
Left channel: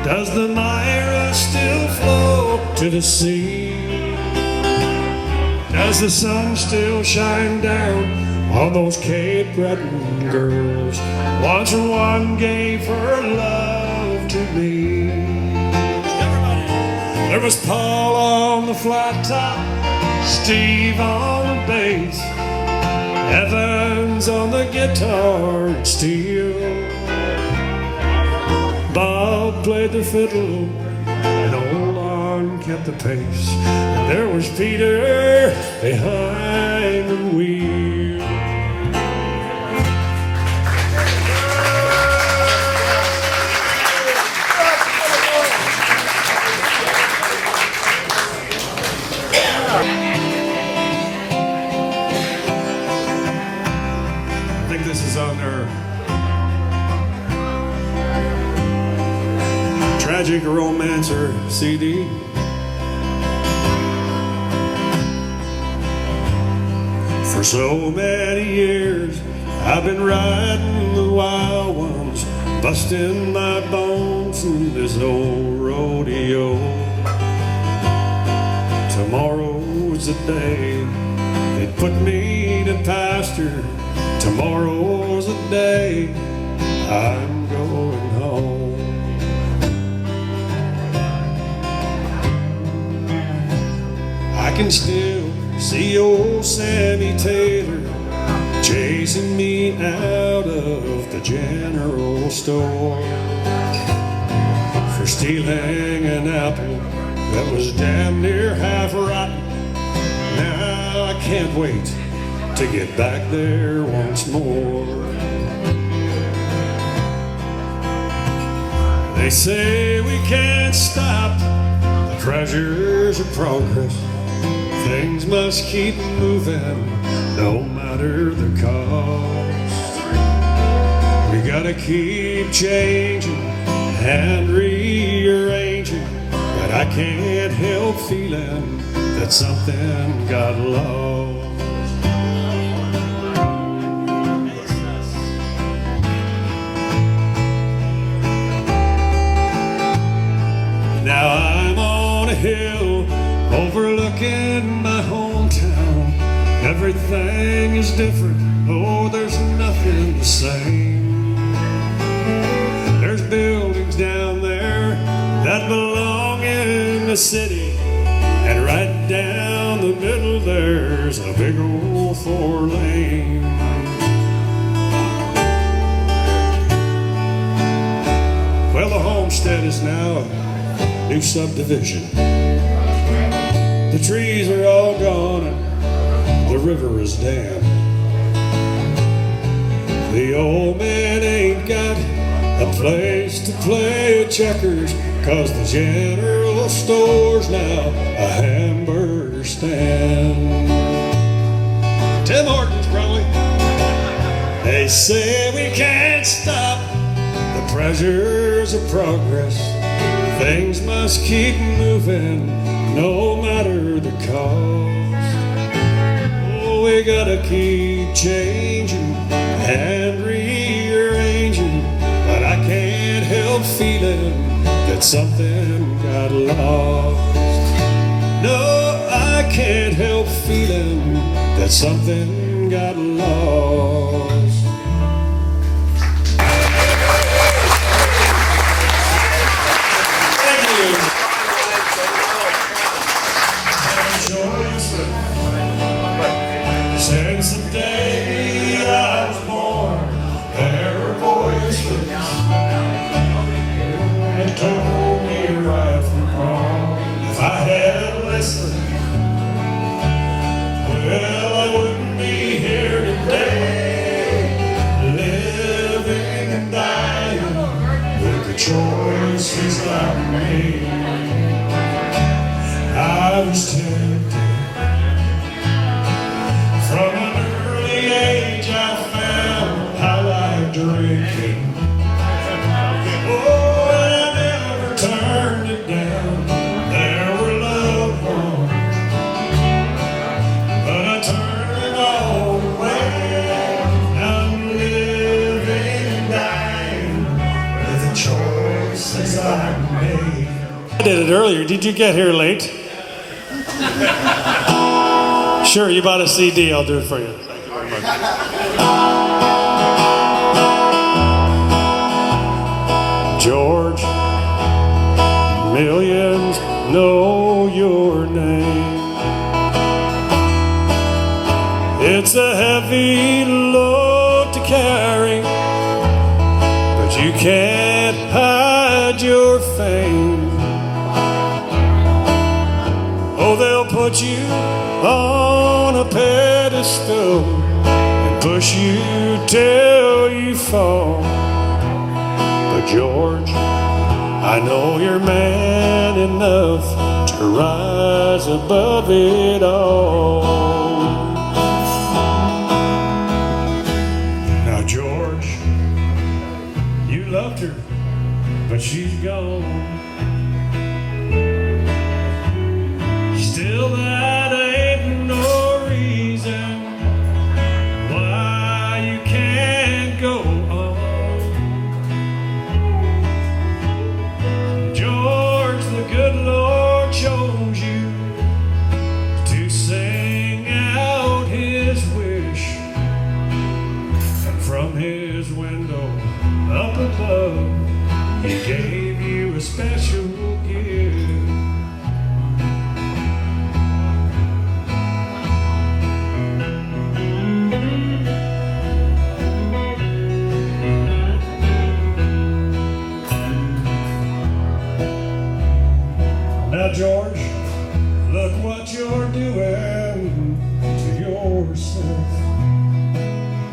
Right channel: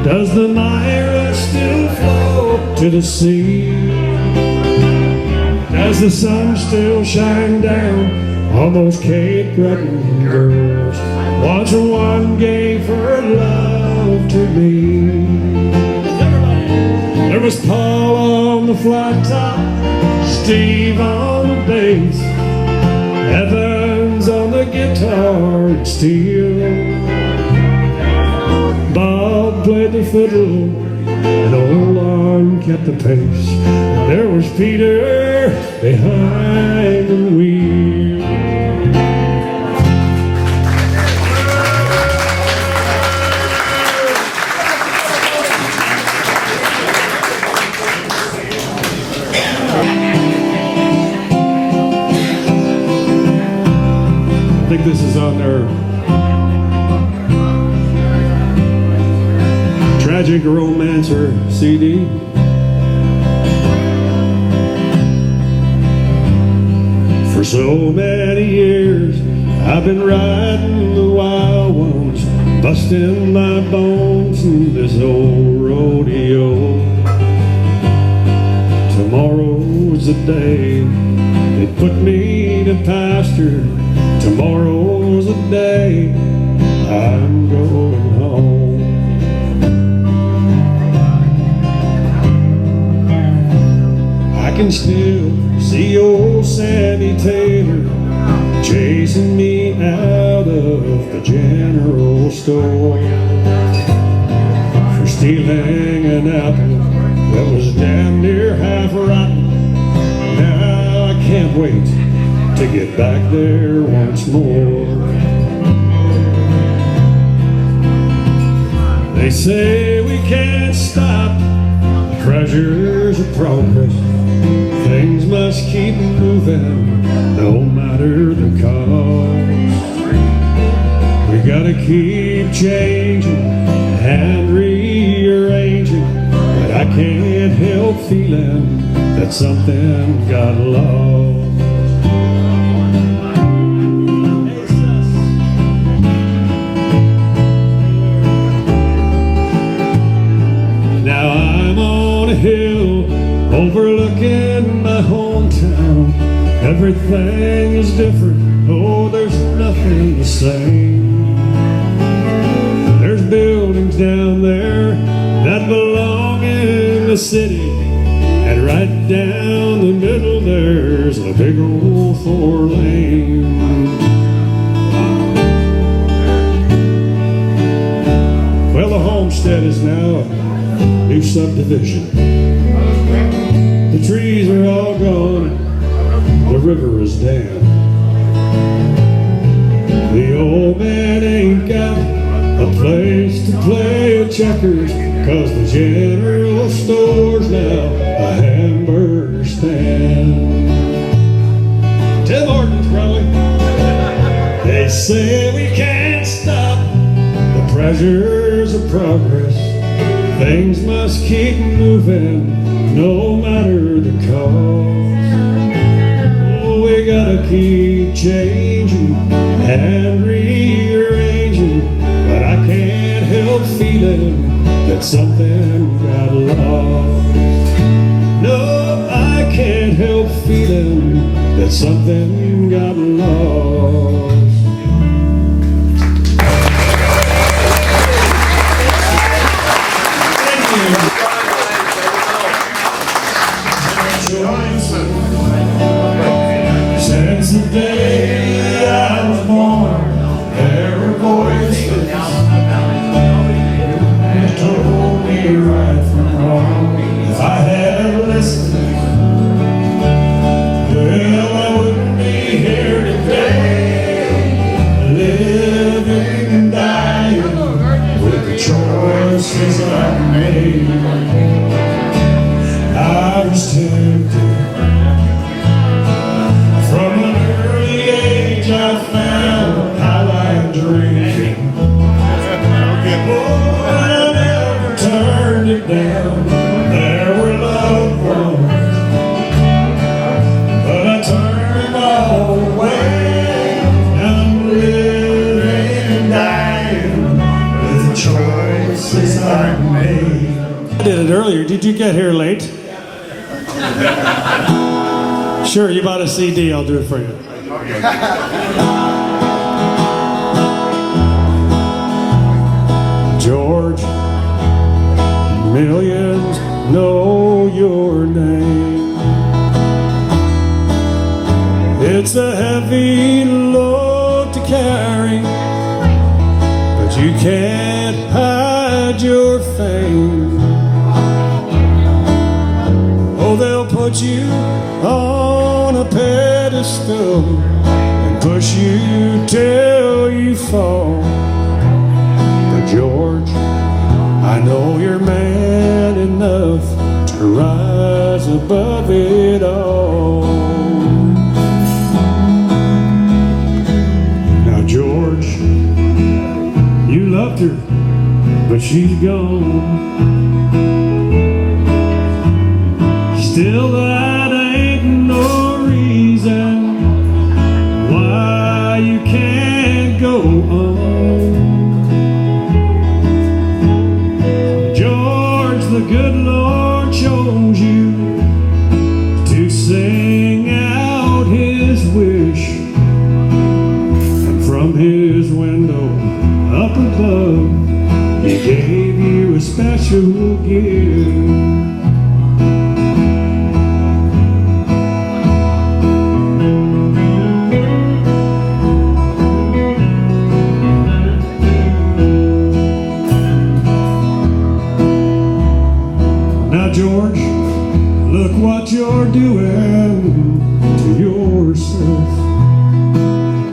Does the Myra still flow to the sea? Does the sun still shine down on those Cape Breton girls? Once one gave her love to me. There was Paul on the flat top, Steve on the bass, Evans on the guitar and steel. Bob played the fiddle, and old Arn kept the pace. And there was Peter behind the wheel. I think this is on their Tragic Romancer CD. For so many years I've been riding the wild ones, busting my bones in this old rodeo. Tomorrow's the day they put me to pasture. Tomorrow's the day I'm going home. I can still see old Sammy Taylor chasing me out of the general store for stealing an apple that was damn near half rotten. Now I can't wait to get back there once more. They say we can't stop the treasures of progress. Things must keep moving, no matter the cost. We gotta keep changing and rearranging, but I can't help feeling that something got lost. Now I'm on a hill overlooking my hometown. Everything is different, oh, there's nothing the same. There's buildings down there that belong in the city, and right down the middle there's a big old 4-lane. Well, the homestead is now a new subdivision. The trees are all gone, the river is dead. The old man ain't got a place to play checkers, 'cause the general store's now a hamburger stand. Tim Hortons, probably. They say we can't stop the pressures of progress. Things must keep moving, no matter the cost. Oh, we gotta keep changing and rearranging, but I can't help feeling that something got lost. No, I can't help feeling that something got lost. Since the day I was born, there were voices that told me right from wrong. If I had listened, well, I wouldn't be here today, living and dying with the choices I made. I was tempted. From an early age I found I like drinking. Oh, and I never turned it down. There were loved ones, but I turned it all away. I'm living and dying with the choices I made. I did it earlier. Did you get here late? Sure, you bought a CD, I'll do it for you. George, millions know your name. It's a heavy load to carry, but you can't hide your fame. Oh, they'll put you on a pedestal and push you till you fall. But George, I know you're man enough to rise above it all. Now George, you loved her, but she's gone. Still that ain't no reason why you can't go on. George, the good Lord chose you to sing out his wish, and from his window up above he gave you a special gift. George, look what you're doing to yourself.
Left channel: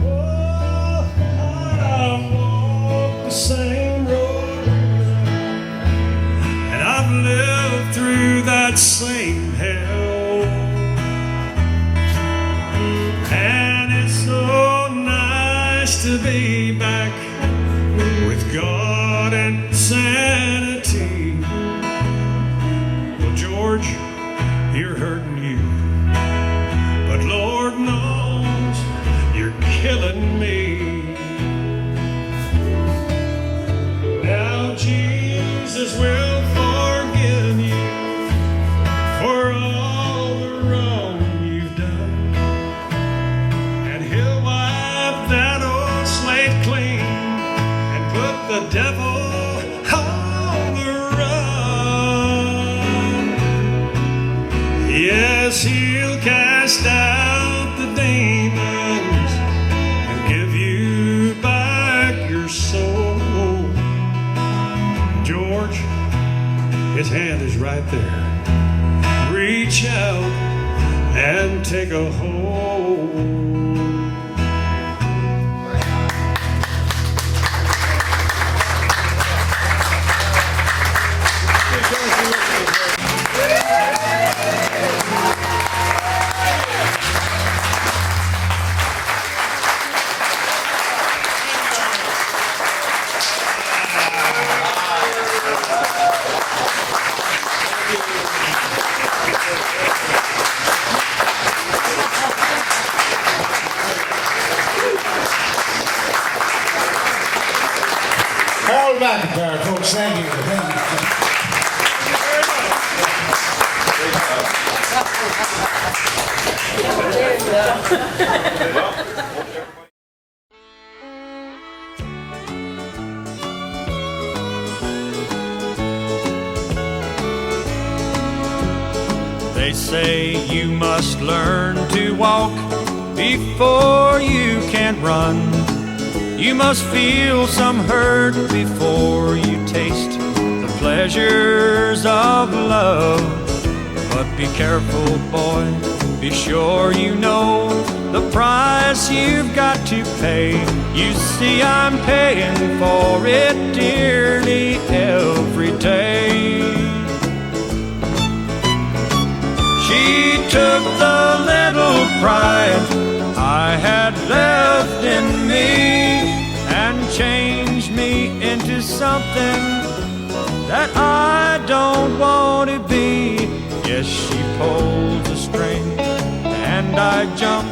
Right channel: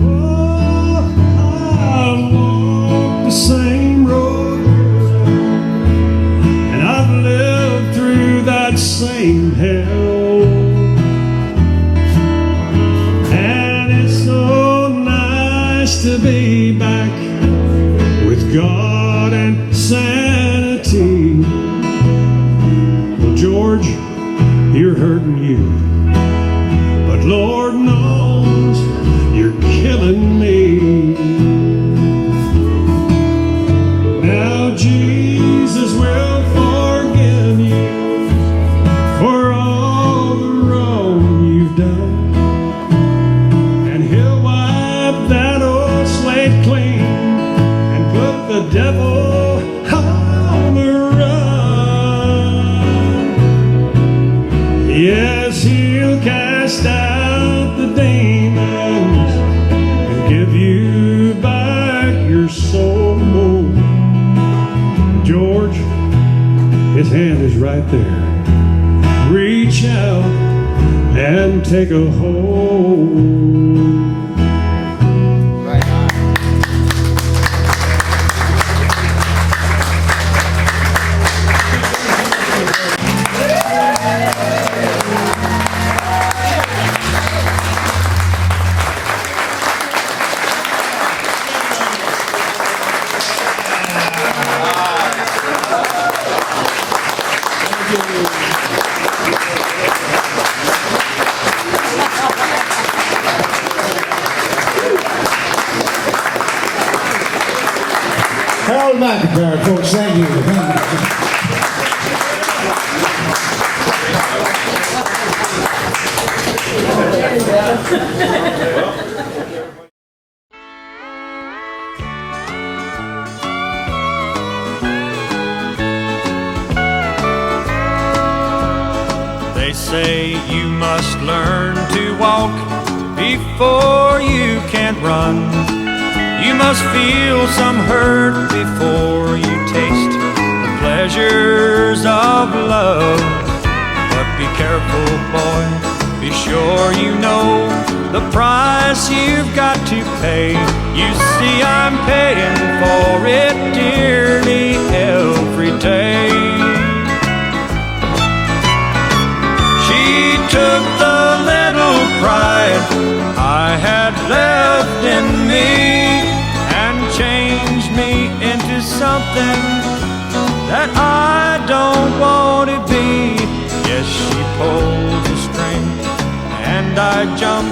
Oh, I've walked the same road, and I've lived through that same hell. And it's so nice to be back with God and sanity. George, you're hurting you, but Lord knows you're killing me. Now Jesus will forgive you for all the wrong you've done, and he'll wipe that old slate clean and put the devil on the yes, he'll cast out the demons and give you back your soul. George, his hand reach out and take a hold. Harold McIntyre, folks, thank you. They say you must learn to walk before you can run. You must feel some hurt before you taste the pleasures of love. But be careful, boy, be sure you know the price you've got to pay. You see, I'm paying for it dearly every day. She took the little pride I had left in me and changed me into something that I don't want to be. Yes, she pulls the string and I jump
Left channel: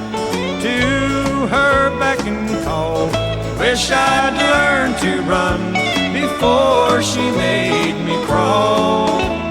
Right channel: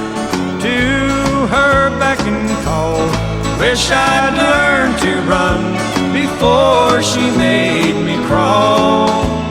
to her beck and call. Wish I'd learned to run before she made me crawl.